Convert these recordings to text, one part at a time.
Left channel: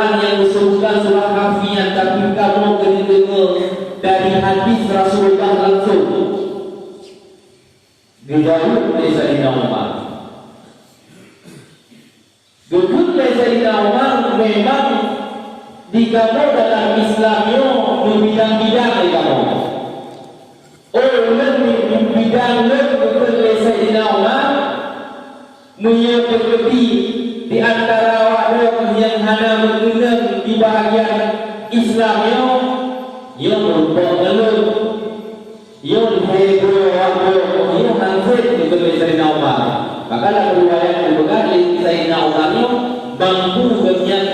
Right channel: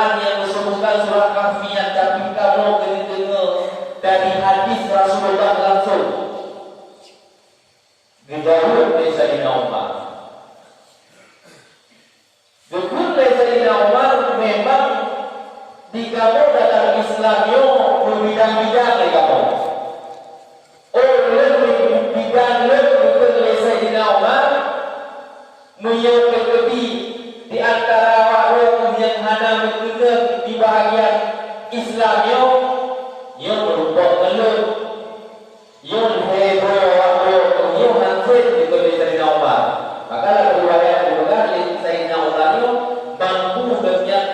Al-Quran yang disebutkan surah Kahfi, tapi kamu kena dengar dari hadis Rasulullah langsung. Dijawab oleh Sayyidina Umar. Dukun oleh Sayyidina Umar memang dikamu dalam Islamnya berbidang-bidang di kamu. Lebih bidang dukun oleh Sayyidina Umar menyebut di antara waktu yang hanya menggunakan di bahagian Islamnya yang berupa meluk, yang heboh waktu yang hansip dukun oleh Sayyidina Umar. Maka dalam riwayat juga Sayyidina Umar itu mampu dengan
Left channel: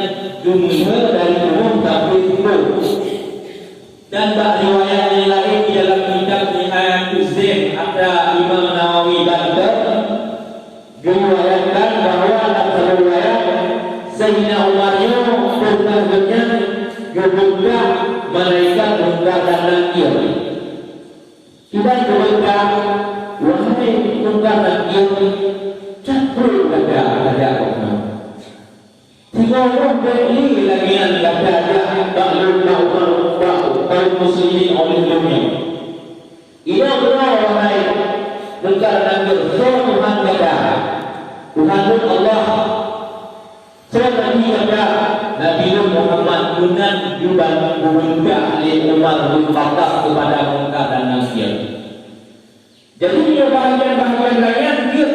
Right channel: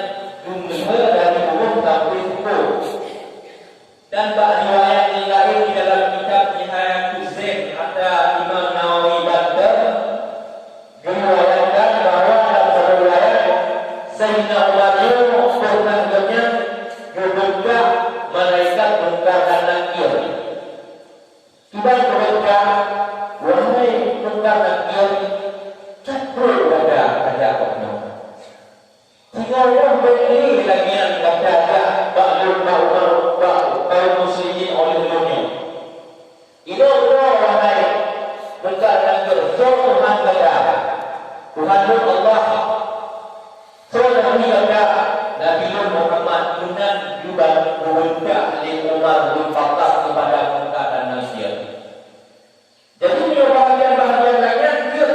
dunia dari umum sampai timur. Dan bak riwayat yang lain di dalam kitab Nihayatul Zain ada Imam Nawawi Baghdad meriwayatkan bahawa dalam riwayat Sayyidina Umar itu pernah dengan membuka malaikat mungkar dan nakir. Tiba mereka, wahai mungkar dan nakir, campur ada kamu. Tiga orang ini lagi yang ada baklum kaum muslimin oleh dunia. Ia benar wahai mungkar dan nakir. So Tuhan kata, Tuhan Allah. So Nabi kata, Nabi Muhammad Tuhan juga meminta oleh Umar bin Khattab kepada mungkar dan nakir. Jadi dia bahagian-bahagian lainnya dia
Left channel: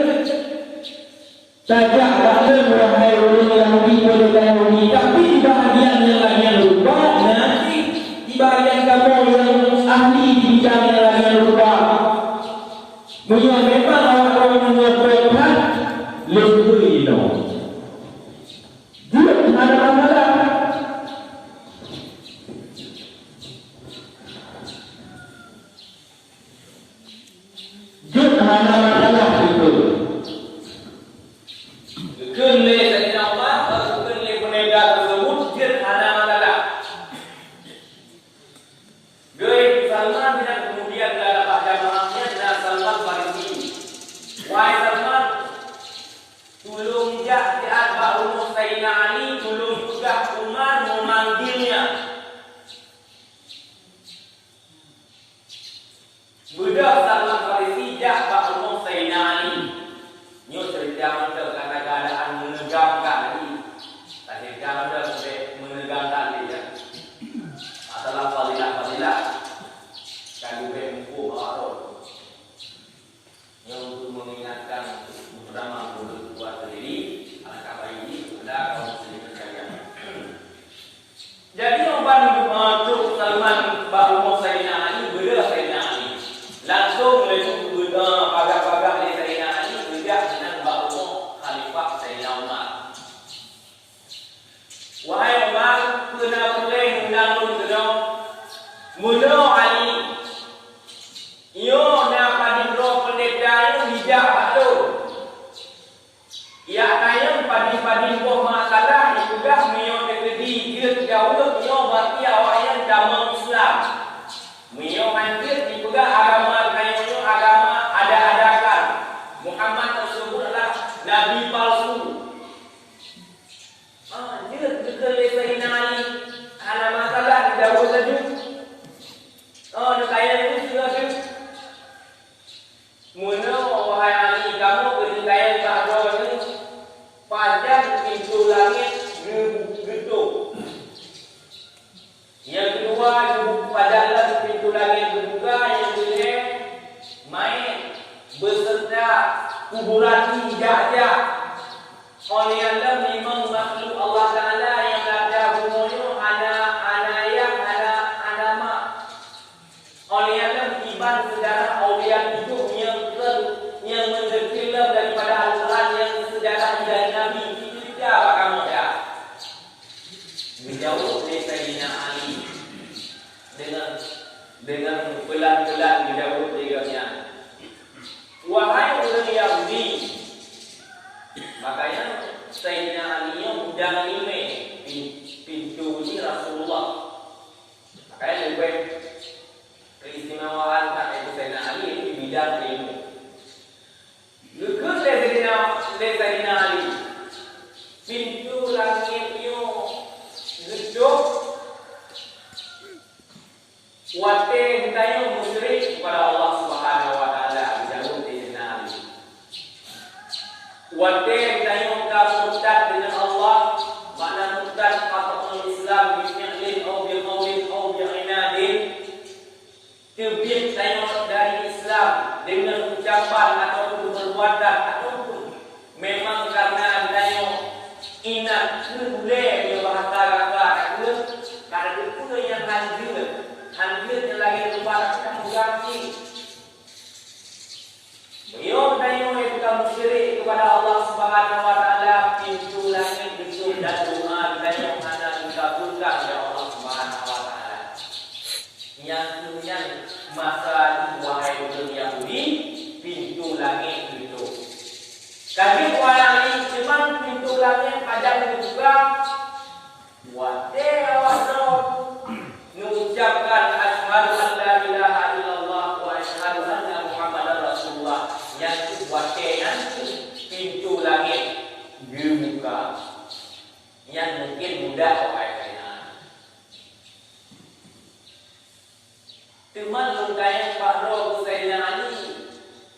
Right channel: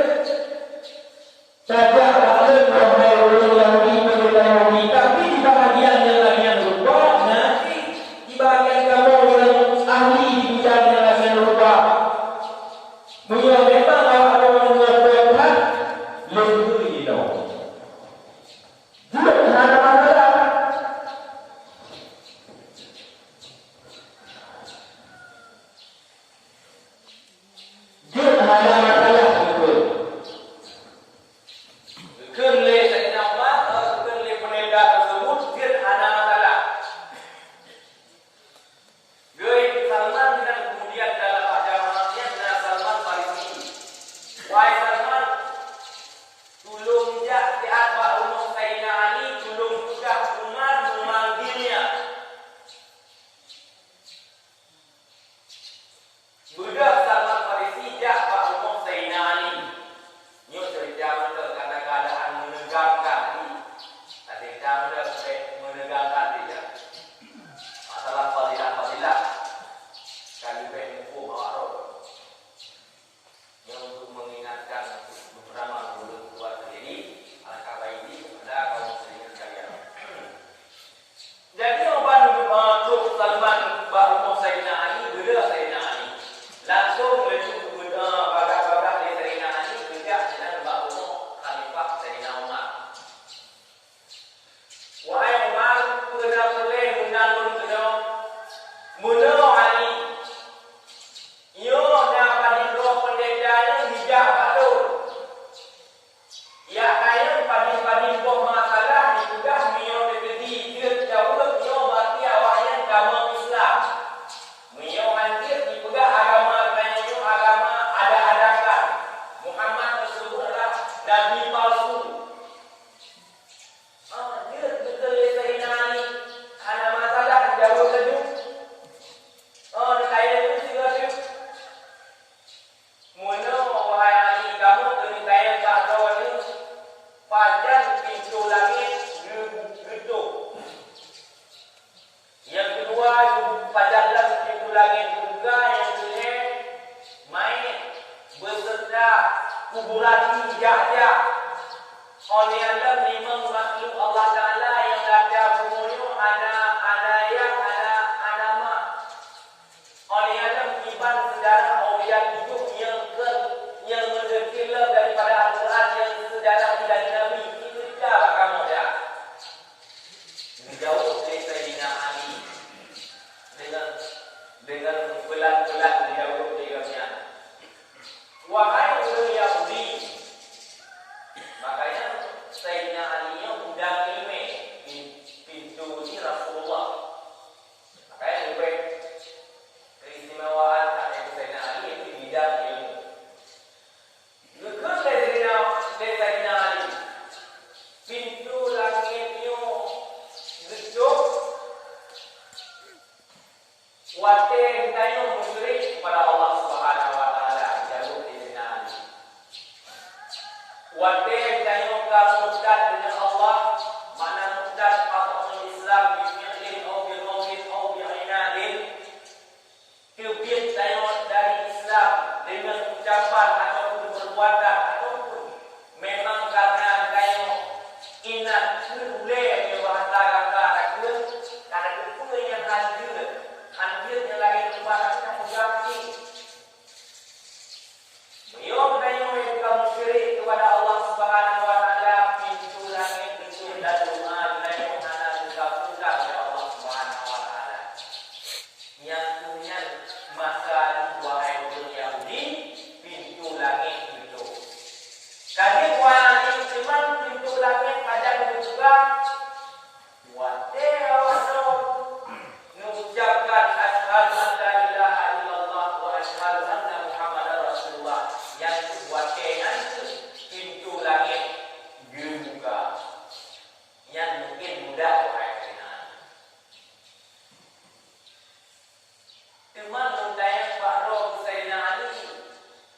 saja rasul wahai orang Yahudi pada Yahudi, tapi di bahagian yang lainnya lupa, nanti di bahagian kamu yang ahli di bidang yang lainnya lupa. Memang orang menguapkan lebih itu. Juga ada masalah. Juga ada masalah itu. Kerana Sayyidina Umar, kerana penegak tersebut, dia ada masalah. Gaya Salman tidak kemudian dapat jamaahnya dengan Salman Farisi. Wahai Salman, tolong jak tiap rumah Sayyidina Ali, tolong juga Umar memanggilnya. Budak Salman Farisi jak rumah Sayyidina Ali. Ini cerita mana keadaan menegangkan ini. Tadi kan sudah sampai menegangkan dia. Masalah fadilah kan juga hukum awal. Yang untuk mengingatkan bersama mulut buat ini, anak ini ada kaum muslimin sekalian. Jadi orang untuk Salman bahawa Sayyidina Ali beda Sayyidina Ali. Langsung menuju agak-agak dari Sayyidina Ali kerja dengan bahawa Khalifah Sayyidina Umar. Wahai Umar, kena boleh undang-undang kedua muda Ali. Ia dapat diberi pendeta bijak batu. Ia kaya padi-padi buah masalah juga minyak terjadi dia jauh ia berarti awak yang dalam Islam. Minyak hancur juga agama kaya agama ada-adakan. Muhammad tersebutlah nabi palsu. Dia kekelih Sayyidina Ali ada masalah jauh saja. Dia kaya itu juga tu. Mula wahai Ali kamu berdaya pada ini pada pintu langit gedung. Yang kedua padalah pintu langit juga yang boleh main beserta kuburan hijab. Oleh Allah memang makhluk Allah Ta'ala yang ada bumunya ada yang ada mak. Oleh Allah iman sejarah awliya hidup yang menderkila daripada Al-Quran yang sejarah dari Nabi itu tidak kamu ya. Menjauh dari Sayyidina Ali dengan pelan-pelan menjauh dengannya. Wahai orang Yahudi, makanya Sayyidina Ali yang undang pintu ini Rasulullah. Makanya lebih keistimewaan Sayyidina Ali itu bidang ilmu. Juga Sayyidina Ali pintu langitnya Teman lengkaya Pak Roh Sayyidina Ali.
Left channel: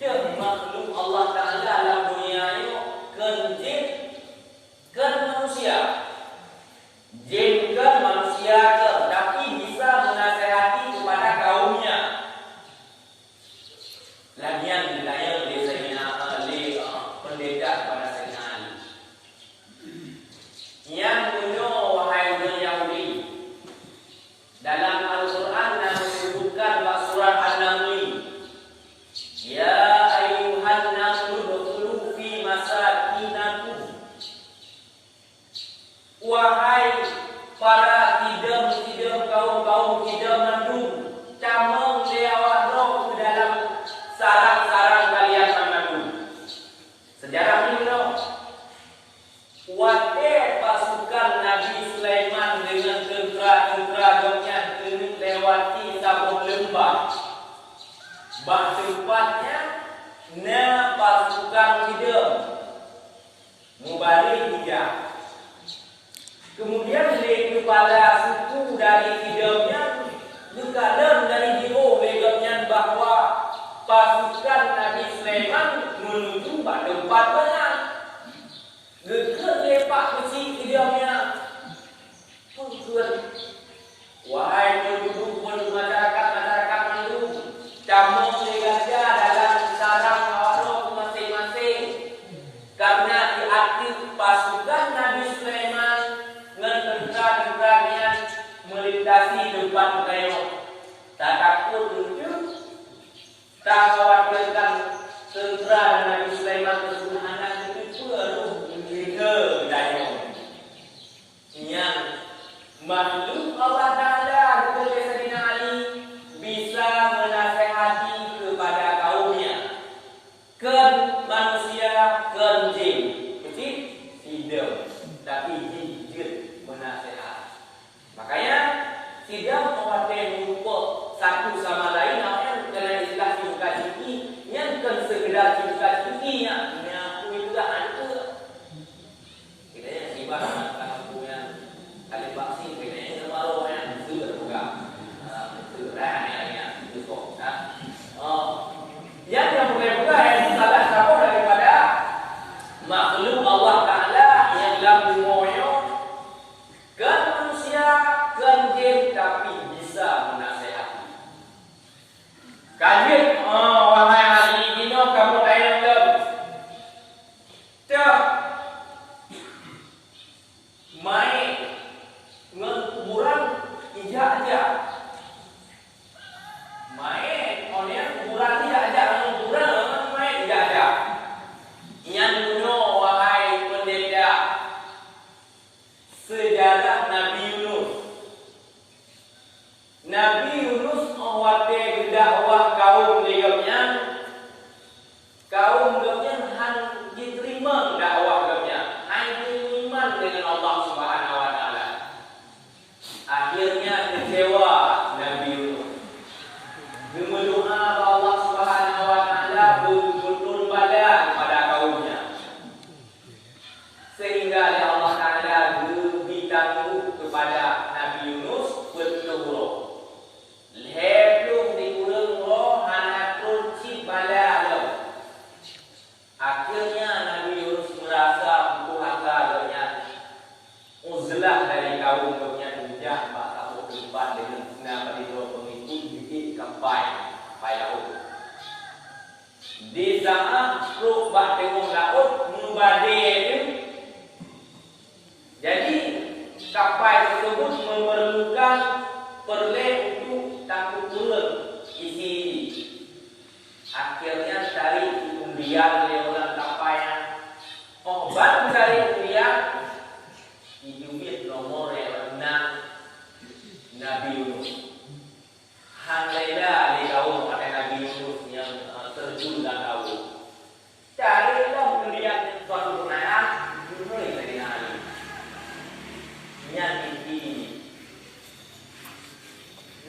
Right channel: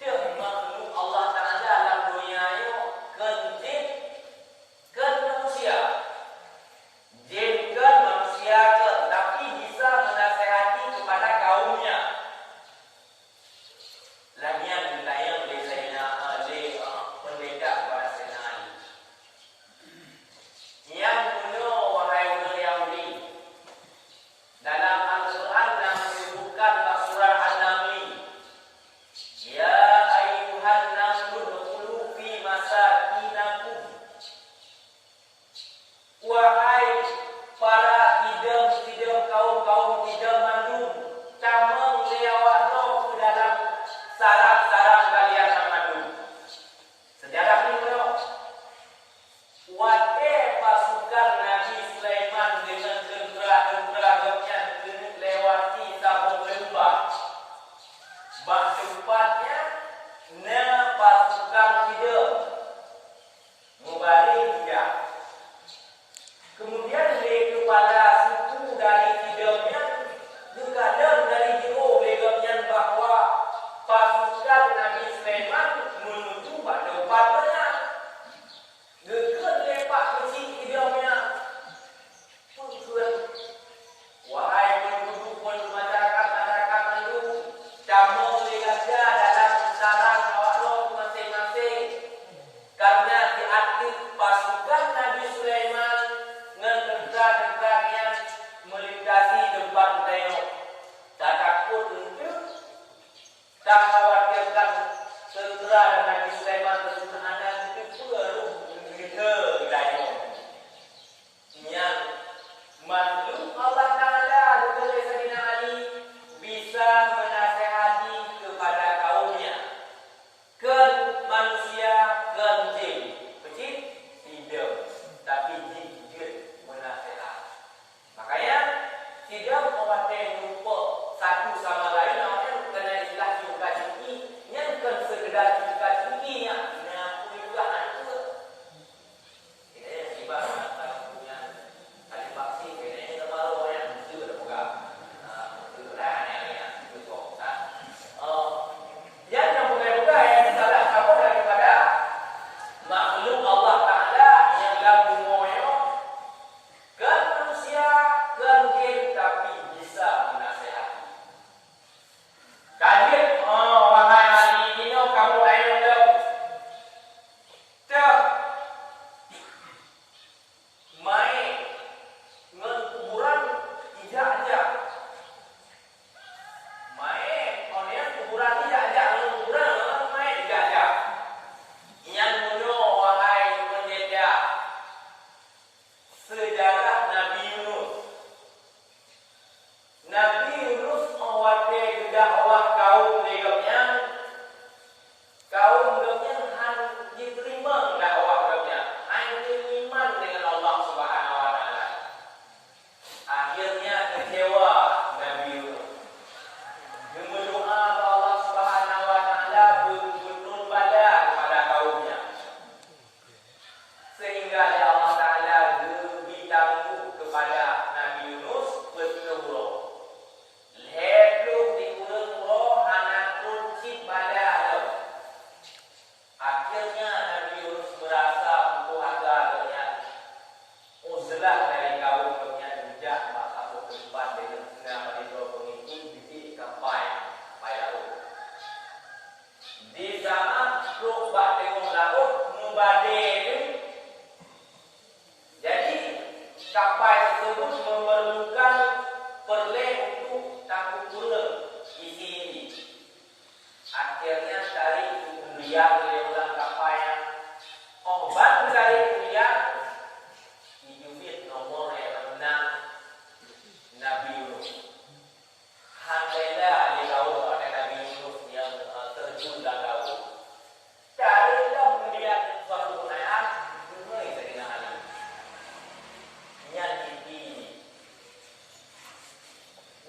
Dia makhluk Allah Ta'ala dalam dunia ini kan jin, kan manusia. Jin kan manusia kan, tapi bisa menasihati kepada kaumnya. Lagian ditanya oleh Sayyidina Ali, pendeta kepada Sayyidina Ali. Yang punya wahai orang Yahudi, dalam Al-Quran yang disebutkan surat An-Naml, ya ayuhan nasu dukhulu fi masakinakum. Wahai para kidam-kidam kaum-kaum kidam mandum, camang lewat roh ke dalam sarang-sarang kalian mandum. Sejarah ini loh. Wate pasukan Nabi Sulaiman dengan tentera-tenteranya lewati sabung lembah. Bah tempatnya na pasukan kidam mubalik hijab. Kemudian dari kepala suku dari hidupnya berkadang dari hero legamnya bahwa pasukan Nabi Sulaiman menuju pada tempatnya. Dekat lepak kecil hidupnya. Tujuan wahai penduduk masyarakat penduduk, kamu lihatnya dalam sarang awak masing-masing. Karena diaktif pasukan Nabi Sulaiman tentera-tenteranya melintasi tempat tengok. Tak takut untuk, tak khawatirkan tentera dan Nabi Sulaiman tersebut anak itu perlu kita tengok. Yang makhluk Allah Ta'ala kepada Sayyidina Ali bisa menasihati kepada kaumnya. Kan manusia, kan jin. Kecil, hidup. Tapi jin menasihat. Makanya tidak mewakili lupa satu sama lain. Orang kena dikasih yang kan sekedar dikasih yang aku juga ada. Kita yang sibuk punya kali vaksin kena baru yang itu terbuka. Yang itu kok. Yang bukan yang salah satu daripada makhluk Allah Ta'ala yang dalam dunia kan manusia, kan jin, tapi bisa menasihati. Kajian, wahai hari ini kamu ayam cak main kuburan ijak-ijak. Main orang kuburan ijak-ijak, kuburan main ijak-ijak. Yang punya wahai pendeta sejarah Nabi Yunus. Nabi Yunus mewakili dakwah kaum legapnya. Kaum legapnya hanya diterima dakwah legapnya. Hanya iman dengan Allah Subhanahu Wa Taala. Akhirnya kecewa Nabi Yunus. Berdoa kepada Allah Subhanahu Wa Taala betul-betul badan pada kaumnya. Sehingga Allah Ta'ala beritahu kepada Nabi Yunus betul-betul lepas diulang roh hanatun si bala. Akhirnya Nabi Yunus merasa butuh harganya uzlah dari kaumnya tidak maka berdebat dengan setengah pengikut bikin kampai Daud. Di saat roh bateng Daud membadai. Jadi kapal tersebut memerlukan perleh untuk tangkup pulang isi. Akhirnya dari undian oleh orang kapal yang obat dari undian hidupit nomor yang 6 Nabi Yunus. Handailah di kaum pada Nabi Yunus yang terjun dalam kaum. Carilah undian suatu perayaan dimulai dari Ali.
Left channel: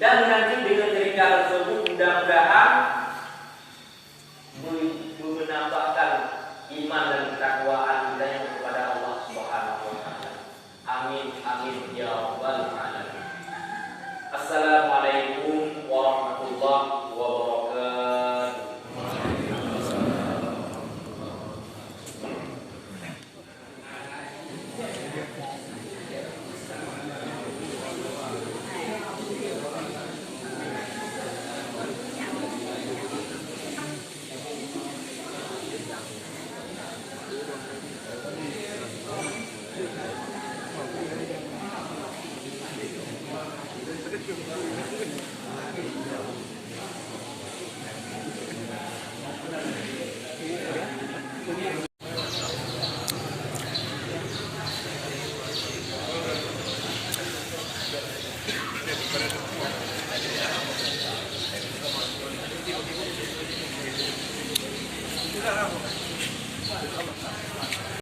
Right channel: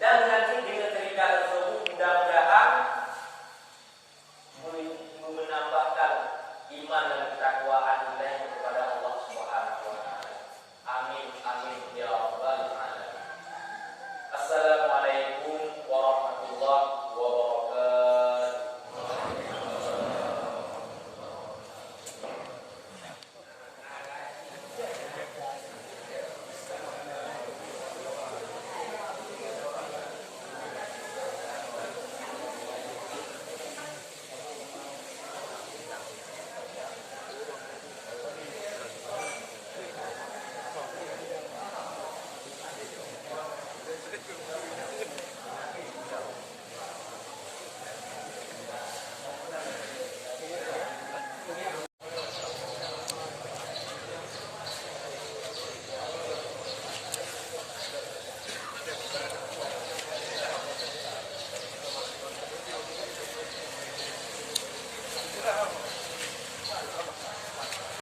Dan nanti dengan cerita tersebut mudah-mudahan